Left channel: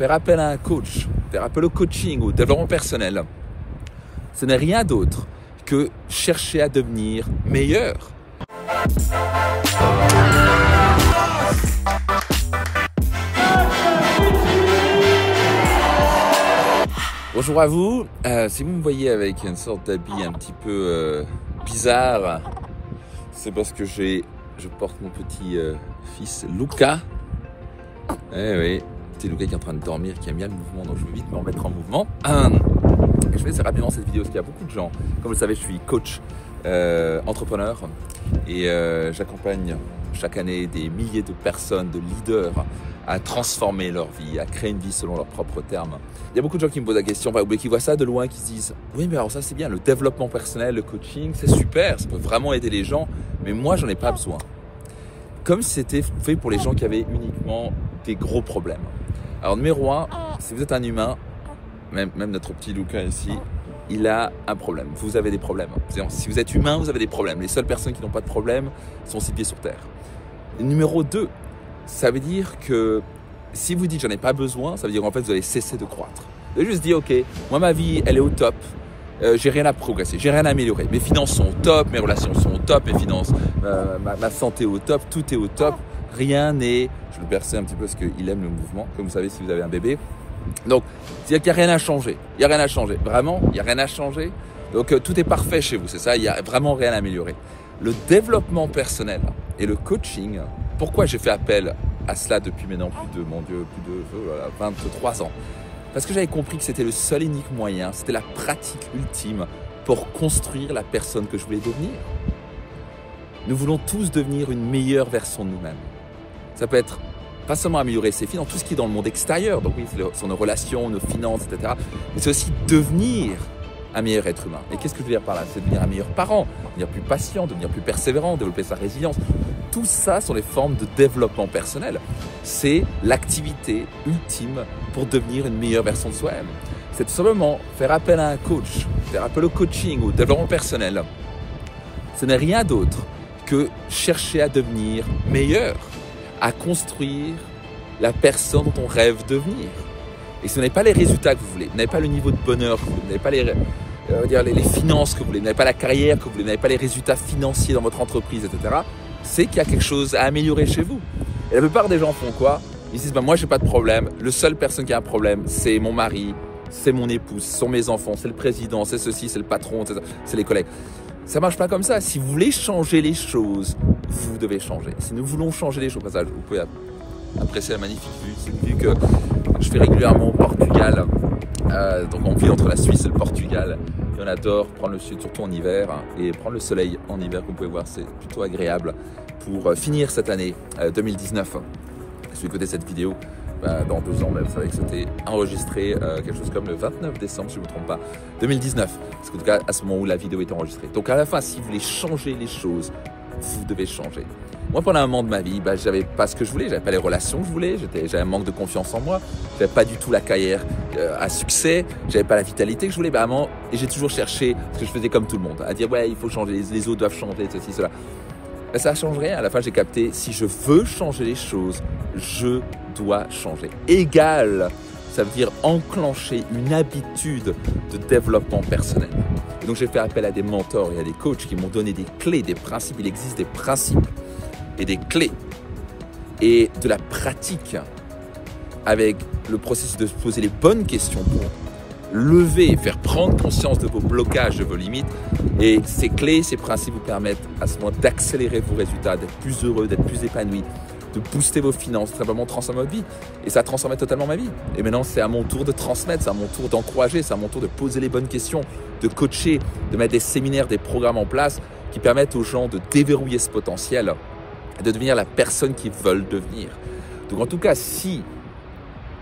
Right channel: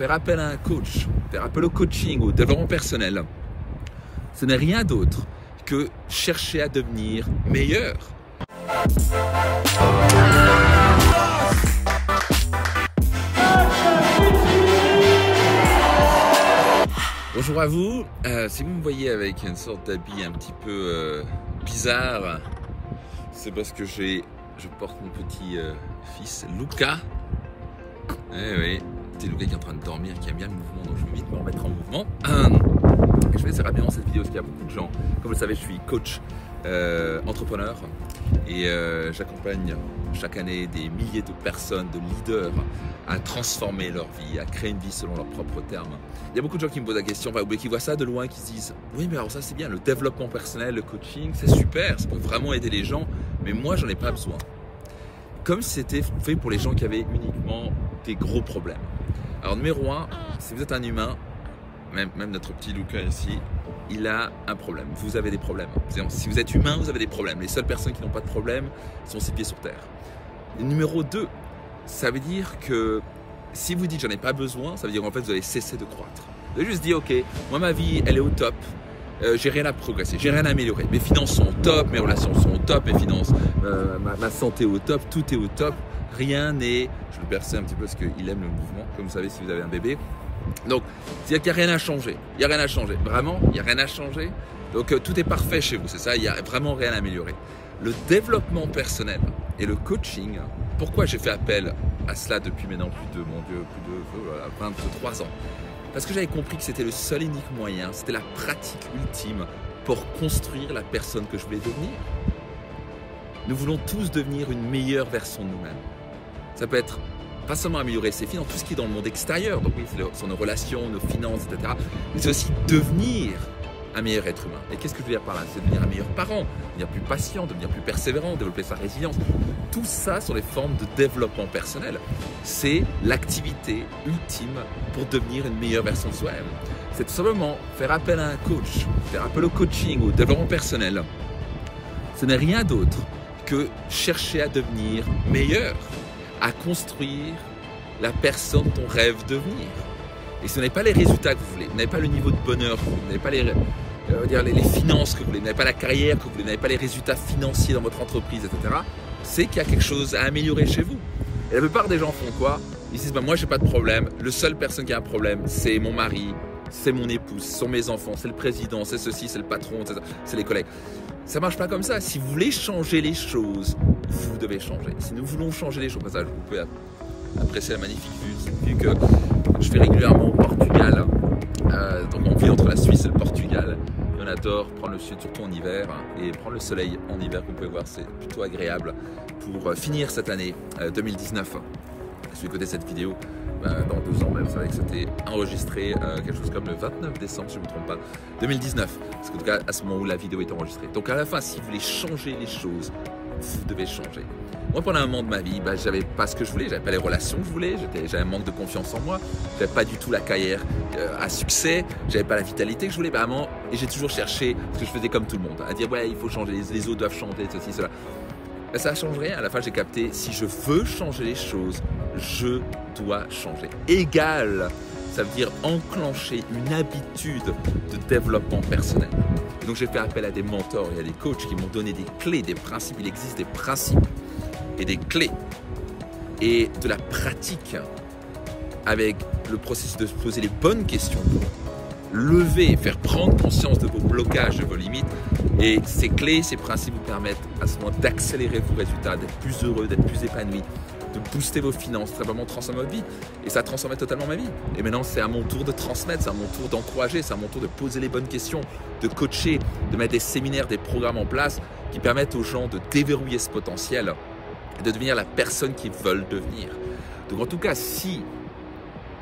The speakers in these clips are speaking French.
faire appel à un coach, faire appel au coaching, au développement personnel, ce n'est rien d'autre que chercher à devenir meilleur. Bonjour à vous, si vous me voyez avec une sorte d'habit un petit peu bizarre, c'est parce que je porte mon petit fils Luca. Eh oui, petit Luca qui est en train de dormir, qui aime bien le mouvement, donc je vais vite me remettre en mouvement. Je vais essayer rapidement cette vidéo parce qu'il y a beaucoup de gens. Comme vous le savez, je suis coach, entrepreneur et j'accompagne chaque année des milliers de personnes, de leaders à transformer leur vie, à créer une vie selon leurs propres termes. Il y a beaucoup de gens qui me posent la question, ou qui voient ça de loin, qui se disent « Oui, mais alors ça c'est bien, le développement personnel, le coaching, c'est super, ça peut vraiment aider les gens, mais moi j'en ai pas besoin. » Comme si c'était fait pour les gens qui avaient uniquement des gros problèmes. Alors numéro 1, si vous êtes un humain, même notre petit Luca ici, il a un problème. Vous avez des problèmes. Si vous êtes humain, vous avez des problèmes. Les seules personnes qui n'ont pas de problème sont 6 pieds sur terre. Et numéro 2, ça veut dire que si vous dites j'en ai pas besoin, ça veut dire en fait vous allez cesser de croître. Vous allez juste dire ok, moi ma vie elle est au top, j'ai rien à progresser, j'ai rien à améliorer. Mes finances sont au top, mes relations sont au top, mes finances, ma santé est au top, tout est au top. Rien n'est, je le perçais un petit peu parce qu'il aime le mouvement, comme vous savez si vous avez un bébé. Donc, c'est-à-dire qu'il n'y a rien à changer. Il n'y a rien à changer. Vraiment, il n'y a rien à changer. Donc, tout est parfait chez vous, c'est ça, il n'y a vraiment rien à améliorer. Le développement personnel et le coaching, pourquoi j'ai fait appel à cela depuis maintenant plus de 23 ans? Parce que j'avais compris que c'était le seul et unique moyen, c'était la pratique ultime pour construire la personne que je voulais devenir. Nous voulons tous devenir une meilleure version de nous-mêmes. Ça peut être pas seulement améliorer ses finances, tout ce qui est dans le monde extérieur, donc oui, sur nos relations, nos finances, etc. Mais c'est aussi devenir un meilleur être humain. Et qu'est-ce que je veux dire par là? C'est devenir un meilleur parent, devenir plus patient, devenir plus persévérant, développer sa résilience. Tout ça sont les formes de développement personnel. C'est l'activité ultime pour devenir une meilleure version de soi-même. C'est tout simplement faire appel à un coach, faire appel au coaching, au développement personnel. Ce n'est rien d'autre que chercher à devenir meilleur, à construire la personne dont on rêve devenir. Et ce n'est pas les résultats que vous voulez, vous n'avez pas le niveau de bonheur que vous voulez, vous n'avez pas les finances que vous voulez, vous n'avez pas la carrière que vous voulez, vous n'avez pas les résultats financiers dans votre entreprise, etc. C'est qu'il y a quelque chose à améliorer chez vous. Et la plupart des gens font quoi? Ils disent, moi j'ai pas de problème, le seul personne qui a un problème, c'est mon mari, c'est mon épouse, ce sont mes enfants, c'est le président, c'est ceci, c'est le patron, c'est les collègues. Ça marche pas comme ça. Si vous voulez changer les choses, vous devez changer. Si nous voulons changer les choses, vous pouvez apprécier la magnifique vue que je fais régulièrement au Portugal. Donc on vit entre la Suisse et le Portugal. Et on adore prendre le sud, surtout en hiver, et prendre le soleil en hiver, vous pouvez voir, c'est plutôt agréable pour finir cette année 2019. Si vous écoutez cette vidéo, dans 2 ans, vous savez que c'était enregistré quelque chose comme le 29 décembre, si je ne me trompe pas, 2019. Parce qu'en tout cas, à ce moment où la vidéo est enregistrée. Donc à la fin, si vous voulez changer les choses, vous devez changer. Moi, pendant un moment de ma vie, j'avais pas ce que je voulais, j'avais pas les relations que je voulais, j'avais un manque de confiance en moi, j'avais pas du tout la carrière à succès, j'avais pas la vitalité que je voulais, et j'ai toujours cherché, parce que je faisais comme tout le monde, à dire ouais, il faut changer, les autres doivent changer, ceci, cela. Ça ne change rien. À la fin, j'ai capté, si je veux changer les choses, je dois changer. Égal, ça veut dire enclencher une habitude de développement personnel. Et donc, j'ai fait appel à des mentors et à des coachs qui m'ont donné des clés, des principes. Il existe des principes et des clés et de la pratique avec le processus de se poser les bonnes questions pour lever, faire prendre conscience de vos blocages, de vos limites. Et ces clés, ces principes vous permettent à ce moment d'accélérer vos résultats, d'être plus heureux, d'être plus épanoui, de booster vos finances, simplement transformer votre vie. Et ça a transformé totalement ma vie. Et maintenant, c'est à mon tour de transmettre, c'est à mon tour d'encourager, c'est à mon tour de poser les bonnes questions, de coacher, de mettre des séminaires, des programmes en place qui permettent aux gens de déverrouiller ce potentiel et de devenir la personne qu'ils veulent devenir. Donc en tout cas, si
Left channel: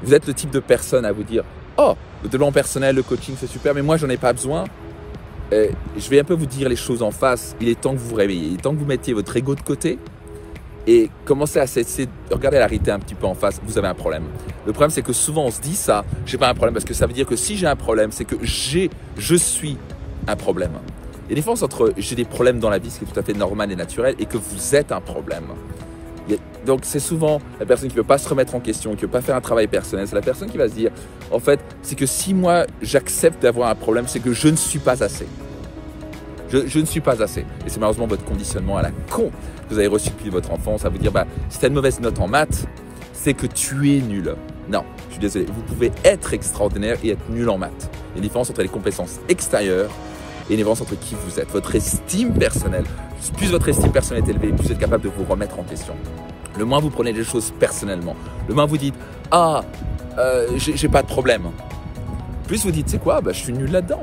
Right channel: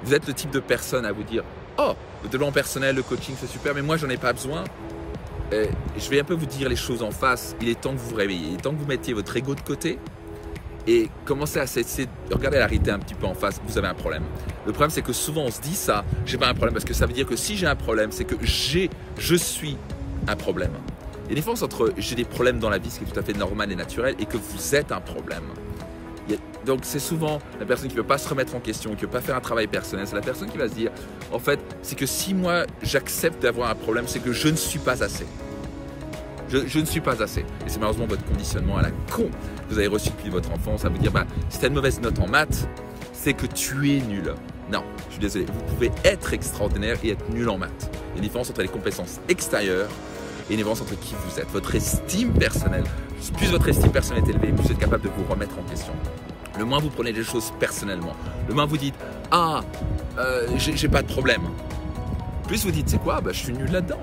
vous êtes le type de personne à vous dire « Oh, le développement personnel, le coaching, c'est super, mais moi, j'en ai pas besoin », je vais un peu vous dire les choses en face. Il est temps que vous vous réveillez, il est temps que vous mettiez votre ego de côté et commencez à essayer de regarder la réalité un petit peu en face. Vous avez un problème. Le problème, c'est que souvent, on se dit ça, j'ai pas un problème, parce que ça veut dire que si j'ai un problème, c'est que je suis un problème. Il y a une différence entre j'ai des problèmes dans la vie, ce qui est tout à fait normal et naturel, et que vous êtes un problème. Donc c'est souvent la personne qui ne veut pas se remettre en question, qui ne veut pas faire un travail personnel. C'est la personne qui va se dire, en fait, c'est que si moi j'accepte d'avoir un problème, c'est que je ne suis pas assez. Je ne suis pas assez. Et c'est malheureusement votre conditionnement à la con que vous avez reçu depuis votre enfance à vous dire, bah, si tu as une mauvaise note en maths, c'est que tu es nul. Non, je suis désolé. Vous pouvez être extraordinaire et être nul en maths. Il y a une différence entre les compétences extérieures et une différence entre qui vous êtes. Votre estime personnelle, plus votre estime personnelle est élevée, plus vous êtes capable de vous remettre en question. Le moins vous prenez les choses personnellement, le moins vous dites « Ah, j'ai pas de problème ». Plus vous dites « C'est quoi, bah, je suis nul là-dedans.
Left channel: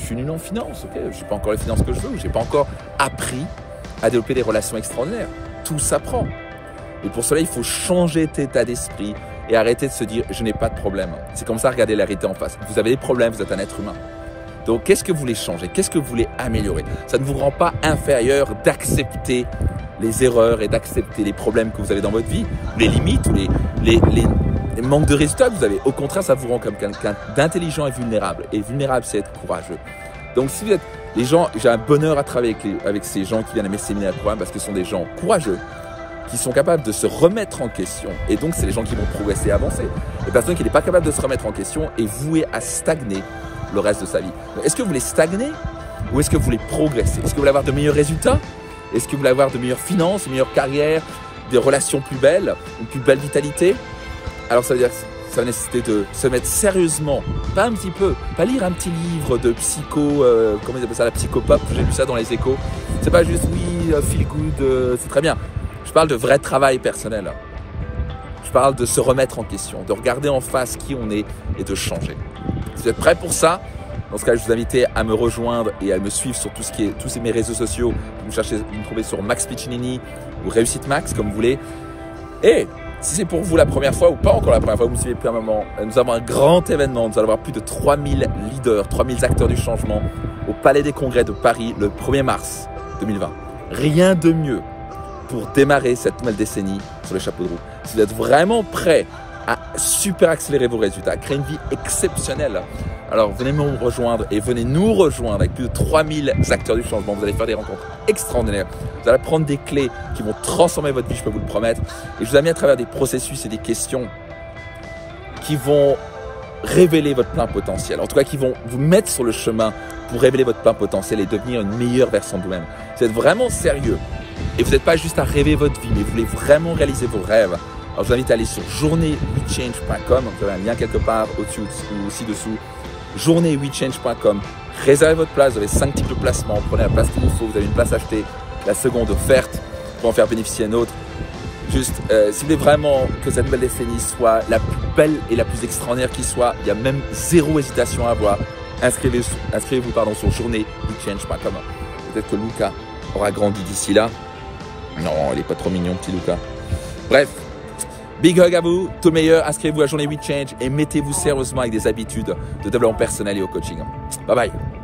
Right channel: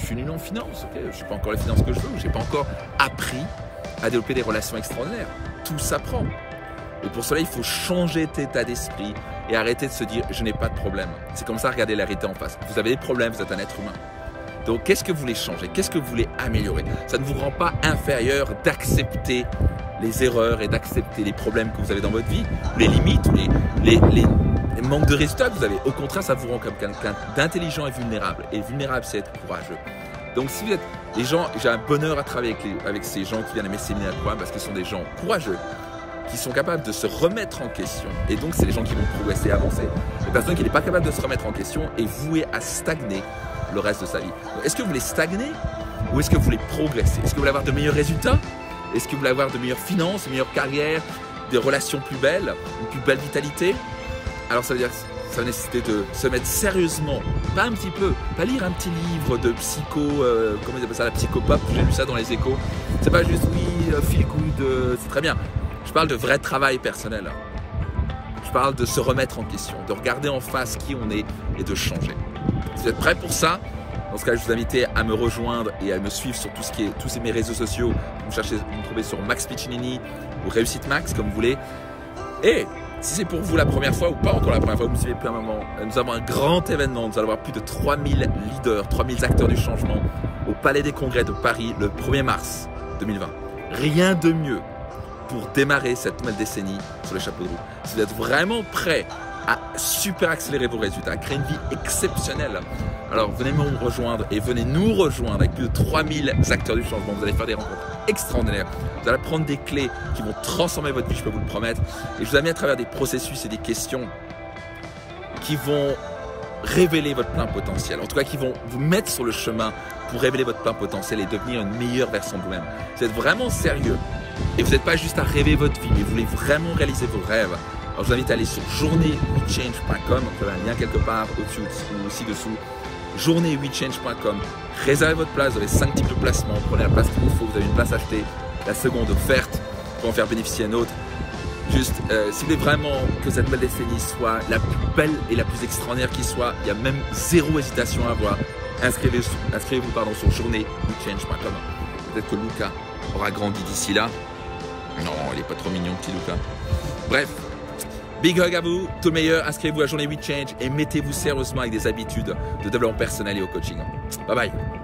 Je suis nul en finance, ok, je n'ai pas encore les finances que je veux, je n'ai pas encore appris à développer des relations extraordinaires. Tout s'apprend. Et pour cela, il faut changer cet état d'esprit et arrêter de se dire « Je n'ai pas de problème ». C'est comme ça, regardez la réalité en face. Vous avez des problèmes, vous êtes un être humain. Donc, qu'est-ce que vous voulez changer? Qu'est-ce que vous voulez améliorer? Ça ne vous rend pas inférieur d'accepter les erreurs et d'accepter les problèmes que vous avez dans votre vie, les limites ou les manques de résultats que vous avez. Au contraire, ça vous rend comme quelqu'un d'intelligent et vulnérable. Et vulnérable, c'est être courageux. Donc, si vous êtes les gens, j'ai un bonheur à travailler avec ces gens qui viennent à mes séminaires de programme parce que ce sont des gens courageux, qui sont capables de se remettre en question. Et donc, c'est les gens qui vont progresser et avancer. Les personnes qui n'est pas capable de se remettre en question est vouée à stagner le reste de sa vie. Est-ce que vous voulez stagner ou est-ce que vous voulez progresser? Est-ce que vous voulez avoir de meilleurs résultats? Est-ce que vous voulez avoir de meilleures finances, une meilleure carrière, des relations plus belles, une plus belle vitalité? Alors ça veut dire que ça va nécessiter de se mettre sérieusement, pas un petit peu, pas lire un petit livre de psycho, comment ils appellent ça, la psychopop, j'ai lu ça dans les échos. C'est pas juste oui, feel good, c'est très bien. Je parle de vrai travail personnel. Je parle de se remettre en question, de regarder en face qui on est et de changer. Si vous êtes prêts pour ça, dans ce cas, je vous invite à me rejoindre et à me suivre sur tous mes réseaux sociaux. Vous me trouvez sur Max Piccinini ou Réussite Max, comme vous voulez. Et si c'est pour vous la première fois ou pas encore la première fois, vous me suivez depuis un moment, nous avons un grand événement. Nous allons avoir plus de 3000 leaders, 3000 acteurs du changement au Palais des Congrès de Paris le 1er mars 2020. Rien de mieux pour démarrer cette nouvelle décennie sur les chapeaux de roue. Si vous êtes vraiment prêts à super accélérer vos résultats, à créer une vie exceptionnelle, alors venez me rejoindre et venez nous rejoindre avec plus de 3000 acteurs du changement. Vous allez faire des rencontres extraordinaires. Vous allez prendre des clés qui vont transformer votre vie, je peux vous le promettre. Et je vous amène à travers des processus et des questions qui vont révéler votre plein potentiel. En tout cas, qui vont vous mettre sur le chemin pour révéler votre plein potentiel et devenir une meilleure version de vous-même. Vous êtes vraiment sérieux et vous n'êtes pas juste à rêver votre vie, mais vous voulez vraiment réaliser vos rêves. Alors, je vous invite à aller sur journée8change.com. Donc, vous avez un lien quelque part au-dessus ou aussi dessous. journée8change.com. Réservez votre place. Vous avez 5 types de placements. Prenez la place qu'il vous faut. Vous avez une place achetée, la seconde offerte pour en faire bénéficier un autre. Juste, si vous voulez vraiment que cette belle décennie soit la plus belle et la plus extraordinaire qui soit, il y a même zéro hésitation à avoir. Inscrivez-vous sur journée8change.com. Peut-être que Luca aura grandi d'ici là. Non, il n'est pas trop mignon, petit Luca. Bref. Big hug à vous, tout le meilleur, inscrivez-vous à Journée 8 Change et mettez-vous sérieusement avec des habitudes de développement personnel et au coaching. Bye bye.